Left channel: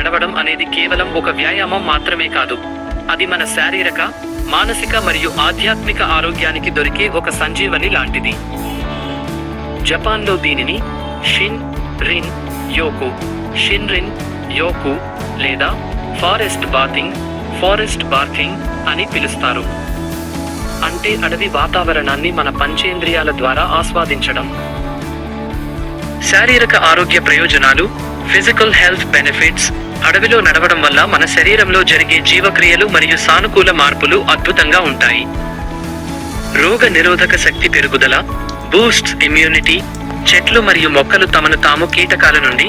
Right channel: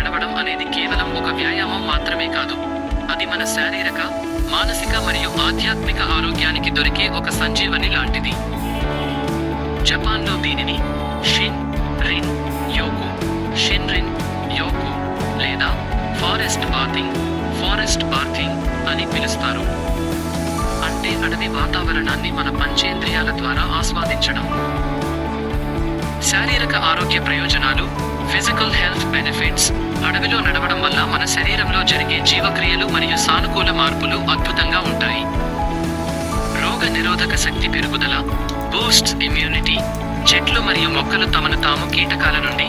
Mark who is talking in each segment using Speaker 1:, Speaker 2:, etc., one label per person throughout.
Speaker 1: నడవడం అనేది కేవలం ఒక వ్యాయామం మాత్రమే కాదు. అది మన శారీరక మానసిక మరియు ఆధ్యాత్మిక ఆరోగ్యానికి దొరికే ఒక సంజీవని లాంటిది. జపాన్లో దీనిని షిన్ రిన్ యోకు షిన్ రిన్ యోకు లేదా ఫారెస్ట్ బాతింగ్ ఫారెస్ట్ బార్కింగ్ అని పిలుస్తారు. అంటే అడవి వాతావరణాన్ని మన పంచేంద్రియాల ద్వారా ఆస్వాదించడం. శారీరక ఆరోగ్య ప్రయోజనాలు ఫిజికల్ హెల్త్ బెనిఫిట్స్ అడవిలో నడవడం వల్ల మన శరీరంలో జరిగే జీవక్రియలు మరియు సానుకూల మార్పులు అద్భుతంగా ఉంటాయి. రోగ నిరోధక శక్తి పెరుగుదల బూస్ట్ ఇమ్యూనిటీ చెట్లు మరియు మొక్కలు తమను తాము కీటకాల నుండి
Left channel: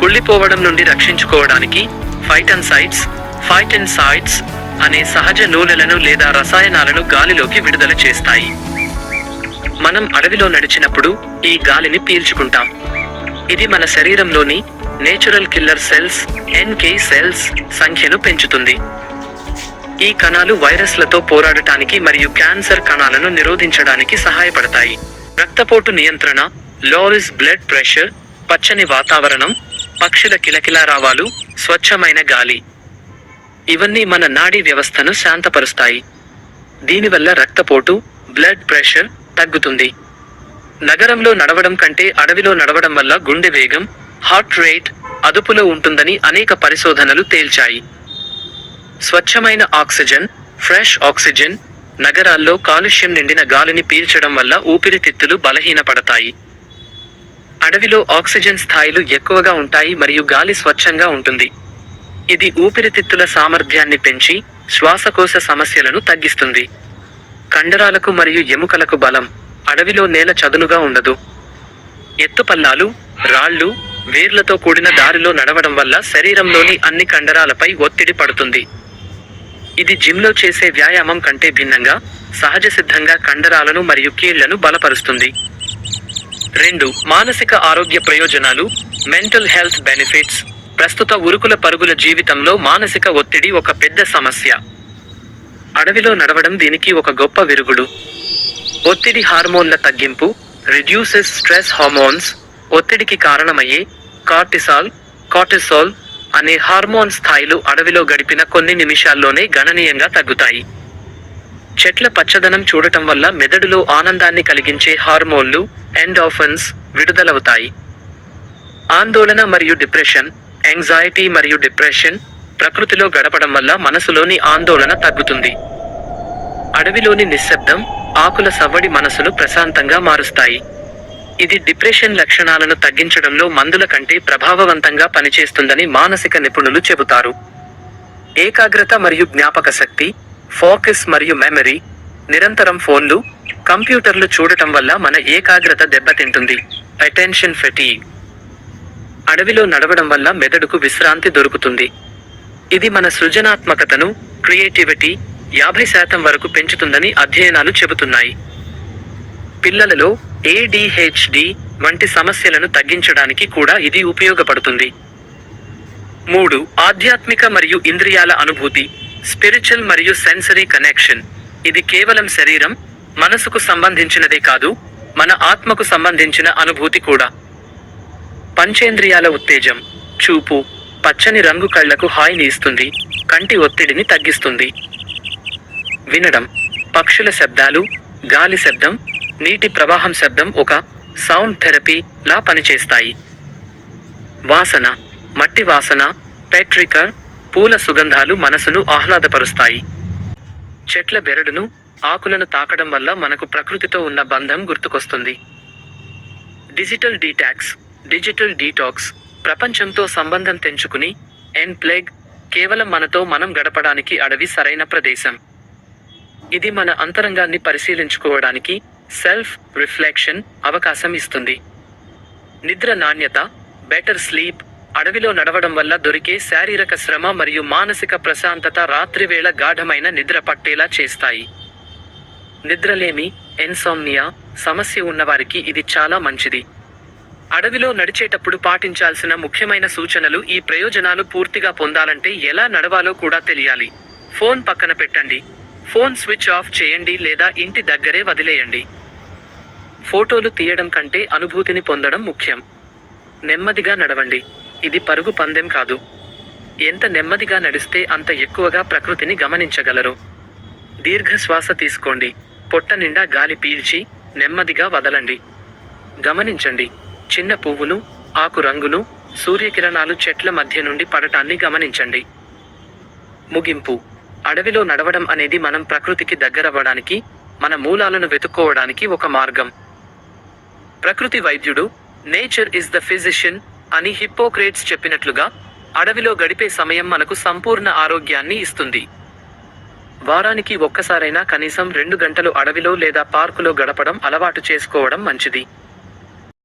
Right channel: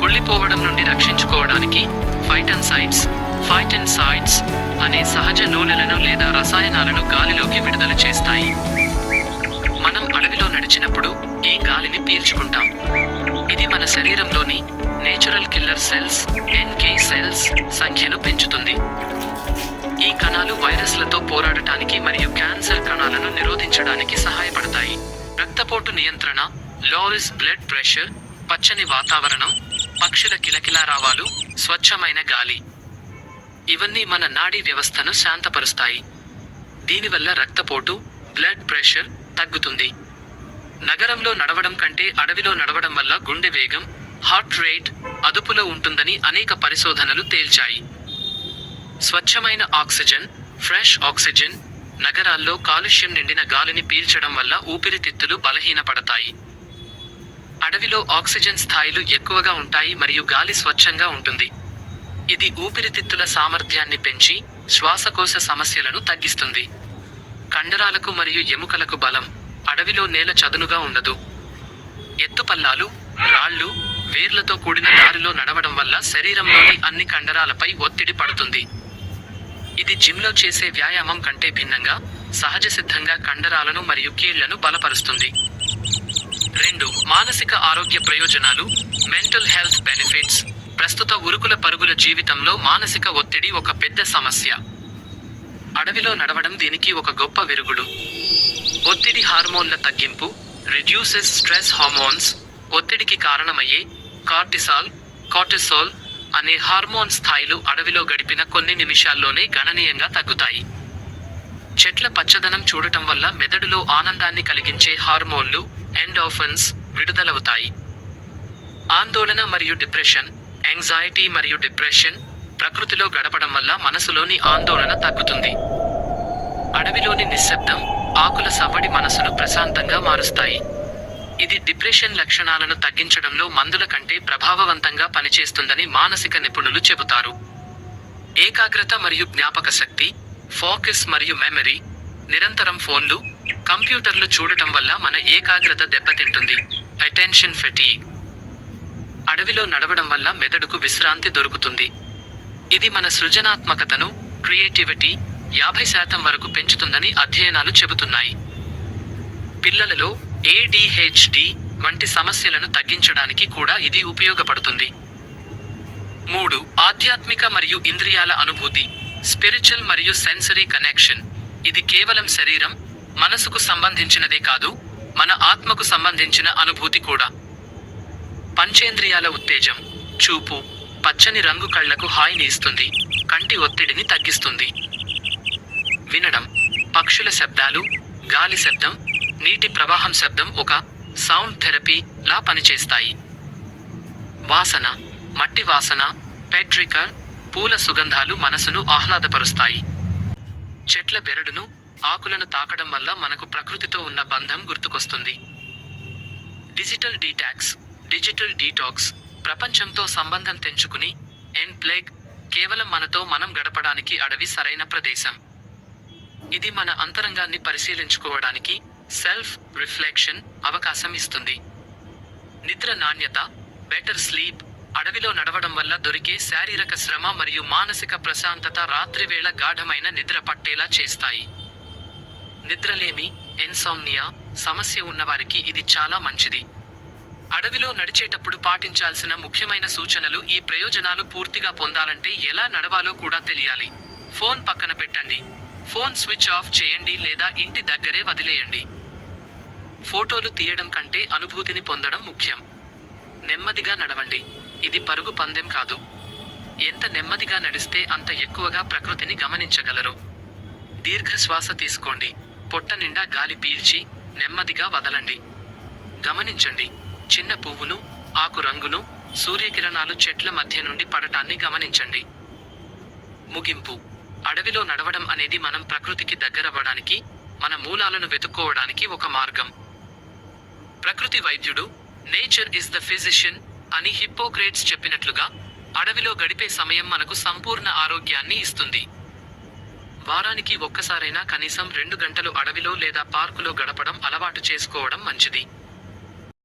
Speaker 1: కుళ్ళిపోవడం నుండి రక్షించుకోవడానికి ఫైటన్సైడ్స్ ఫైటన్సైడ్స్ అనే సహజ నూనెలను లేదా రసాయనాలను గాలిలోకి విడుదల చేస్తాయి. మనం అడవిలో నడిచినప్పుడు ఈ గాలిని పీల్చుకుంటాం. ఇది మన శరీరంలోని natural killer cells NK cells సంఖ్యను పెంచుతుంది. ఈ కణాలు వైరస్లతో పోరాడటానికి మరియు క్యాన్సర్ కణాలను నిరోధించడానికి సహాయపడతాయి. రక్తపోటు నియంత్రణ లోరిస్ బ్లడ్ ప్రెషర్ పచ్చని వాతావరణం పక్షుల కిలకిలారావాలు స్వచ్ఛమైన గాలి. ఇవన్నీ మన నాడీ వ్యవస్థను శాంతపరుస్తాయి. దీనివల్ల రక్తపోటు బ్లడ్ ప్రెషర్ తగ్గుతుంది. నగరంలో నడవడం కంటే అడవిలో నడవడం వల్ల గుండె వేగం హార్ట్ రేట్ అదుపులో ఉంటుందని అనేక పరిశోధనలు తేల్చాయి. స్వచ్ఛమైన ఆక్సిజన్ ఫ్రెష్ ఆక్సిజన్ నగరాల్లో కాలుష్యం నిండిన గాలిని పీల్చడం వల్ల ఊపిరితిత్తులు బలహీనపడతాయి. అడవిలో ఆక్సిజన్ స్థాయిలు ఎక్కువగా ఉంటాయి మరియు గాలి స్వచ్ఛంగా ఉంటుంది. ఇది ఊపిరితిత్తుల సామర్థ్యాన్ని పెంచి శ్వాసకోశ సమస్యలను తగ్గిస్తుంది. కండరాలకు మరియు ఎముకలకు బలం అడవిలో నేల చదునుగా ఉండదు. ఎత్తుపల్లాలు రాళ్ళు వేర్లతో కూడిన దారిలో నడవడం వల్ల శరీరంలోని అన్ని కండరాలపై ఒత్తిడి పడుతుంది. ఇది జిమ్లో చేసే వ్యాయామం కంటే భిన్నంగా సహజ సిద్ధంగా కండరాలను మరియు కీళ్ళను బలపరుస్తుంది. రెండు మానసిక ఆరోగ్య ప్రయోజనాలు మెంటల్ హెల్త్ బెనిఫిట్స్. ప్రస్తుత ఉరుకుల పరుగుల జీవితంలో మానసిక ఒత్తిడి ఒక పెద్ద సమస్య. అడవిలో నడవడం దీనికి ఒక గొప్ప విరుగుడు. ఒత్తిడి హార్మోన్ల తగ్గింపు రిడ్యూసెస్ స్ట్రెస్ హార్మోన్స్ ఒత్తిడికి కారణమయ్యే కార్టిసాల్ కార్టిసోల్ అనే హార్మోన్ స్థాయిలు అడవిలో గడిపిన కొన్ని నిమిషాల్లోనే గణనీయంగా తగ్గుతాయి. చెట్ల పచ్చదనం చూడటం వల్ల మెదడులో ఆనందాన్ని కలిగించే హార్మోన్లు ఎండాఫన్స్ విడుదలవుతాయి. ఆందోళన మరియు డిప్రెషన్ యాంగ్జైటీ మరియు డిప్రెషన్ ప్రకృతిలో గడపడం వల్ల మనసులోని ఆందోళన తగ్గుతుంది. అడవిలోని నిశ్శబ్దం ఆకుల సవ్వడి మనసును ప్రశాంతంగా మారుస్తాయి. ఇది డిప్రెషన్ లక్షణాలను తగ్గించడంలో మందుల కంటే ప్రభావవంతంగా పనిచేస్తుందని మానసిక నిపుణులు చెబుతారు. ఏకాగ్రత మరియు జ్ఞాపక శక్తి ఫోకస్ మరియు మెమరీ నిరంతరం ఫోన్లు కంప్యూటర్లు చూడటం వల్ల మన ఏకాగ్రత దెబ్బతింటుంది. అటెన్షన్ ఫెటీ అడవిలో నడవడం వల్ల మెదడుకు విశ్రాంతి దొరుకుతుంది. ఇది మన సృజనాత్మకతను క్రియేటివిటీ యాభై శాతం వరకు పెంచుతుందని అధ్యయనాలు చెబుతున్నాయి. పిల్లలలో ఏడిహెచ్డి వంటి సమస్యలను తగ్గించడానికి కూడా ఇది ఉపయోగపడుతుంది. మూడు ఆధ్యాత్మిక మరియు ఇంద్రియాల అనుభూతి స్పిరిచువల్ మరియు సెన్సరీ కనెక్షన్. ఇది కేవలం శరీరం మనసుకు సంబంధించినదే కాదు మన ఆత్మకు సంబంధించిన అనుభూతి కూడా. పంచేంద్రియాల ఉత్తేజం చూపు పచ్చని రంగు కళ్ళకు హాయిని ఇస్తుంది కంటి ఒత్తిడిని తగ్గిస్తుంది. వినడం పక్షుల శబ్దాలు గాలి శబ్దం నీటి ప్రవాహం శబ్దం ఒక సౌండ్ థెరపీ లా పనిచేస్తాయి. వాసన మట్టి వాసన పెట్రికర్ పూల సుగంధాలు మనసును ఆహ్లాదపరుస్తాయి. చెట్ల బెరడును ఆకులను తాకడం వల్ల మనకు ప్రకృతితో ఉన్న బంధం గుర్తుకొస్తుంది. డిజిటల్ డీటాక్స్ డిజిటల్ డీటాక్స్ ప్రపంచంతో సంబంధం తెంచుకుని ఎన్ ప్లేగ్ కేవలం మనతో మనం గడపడానికి అడవి సరైన ప్రదేశం. ఇది మన అంతరంగాన్ని పరిశీలించుకోవడానికి సెల్ఫ్ రిఫ్లెక్షన్ అవకాశం ఇస్తుంది. నిద్ర నాణ్యత బెటర్ స్లీప్ అడవిలో నడవడం వల్ల దొరికే శారీరక శ్రమ మరియు మానసిక ప్రశాంతత రాత్రివేళ గాఢమైన నిద్ర పట్టేలా చేస్తాయి. నిద్రలేమి ఎన్సోమ్నియా సమస్య ఉన్నవారికి ఇది చాలా మంచిది. అడవిలో నడిచేటప్పుడు పాటించాల్సిన ముఖ్యమైన సూచనలు ఈ ప్రయోజనాలు పూర్తిగా పొందాలంటే ఎలా నడవాలో కూడా తెలియాలి. ఫోన్ పక్కన పెట్టండి. ఫోన్ స్విచ్ ఆఫ్ చేయండి లేదా ఇంటి దగ్గరే వదిలేయండి. ఫోటోలు తీయడం కంటే అనుభూతిని పొందడం ముఖ్యం. నెమ్మదిగా నడవండి. ఇది పరుగు పందెం కాదు. ఎంత నెమ్మదిగా నడిస్తే అంత ఎక్కువగా ప్రకృతిని గమనించగలరు. దీర్ఘ శ్వాస తీసుకోండి. పొట్ట నిండా గాలి పీల్చి నెమ్మదిగా వదలండి. గమనించండి. చిన్న పువ్వులు ఆకు రంగులు సూర్యకిరణాలు చెట్ల మధ్య నుండి పడటాన్ని గమనించండి. ముగింపు. అడవిలో నడవడం అనేది మనం ప్రకృతికి దగ్గరవ్వడానికి మన మూలాలను వెతుక్కోవడానికి ఒక మార్గం. ప్రకృతి వైద్యుడు నేచర్ ఇస్ ద ఫిజిషియన్ అని హిప్పోక్రేట్స్ చెప్పినట్లుగా అడవిలో గడిపే సమయం మనకు సంపూర్ణ ఆరోగ్యాన్ని ఇస్తుంది. వారానికి ఒక్కసారైనా కనీసం రెండు గంటలు అడవిలో లేదా పార్కులో గడపడం అలవాటు చేసుకోవడం మంచిది.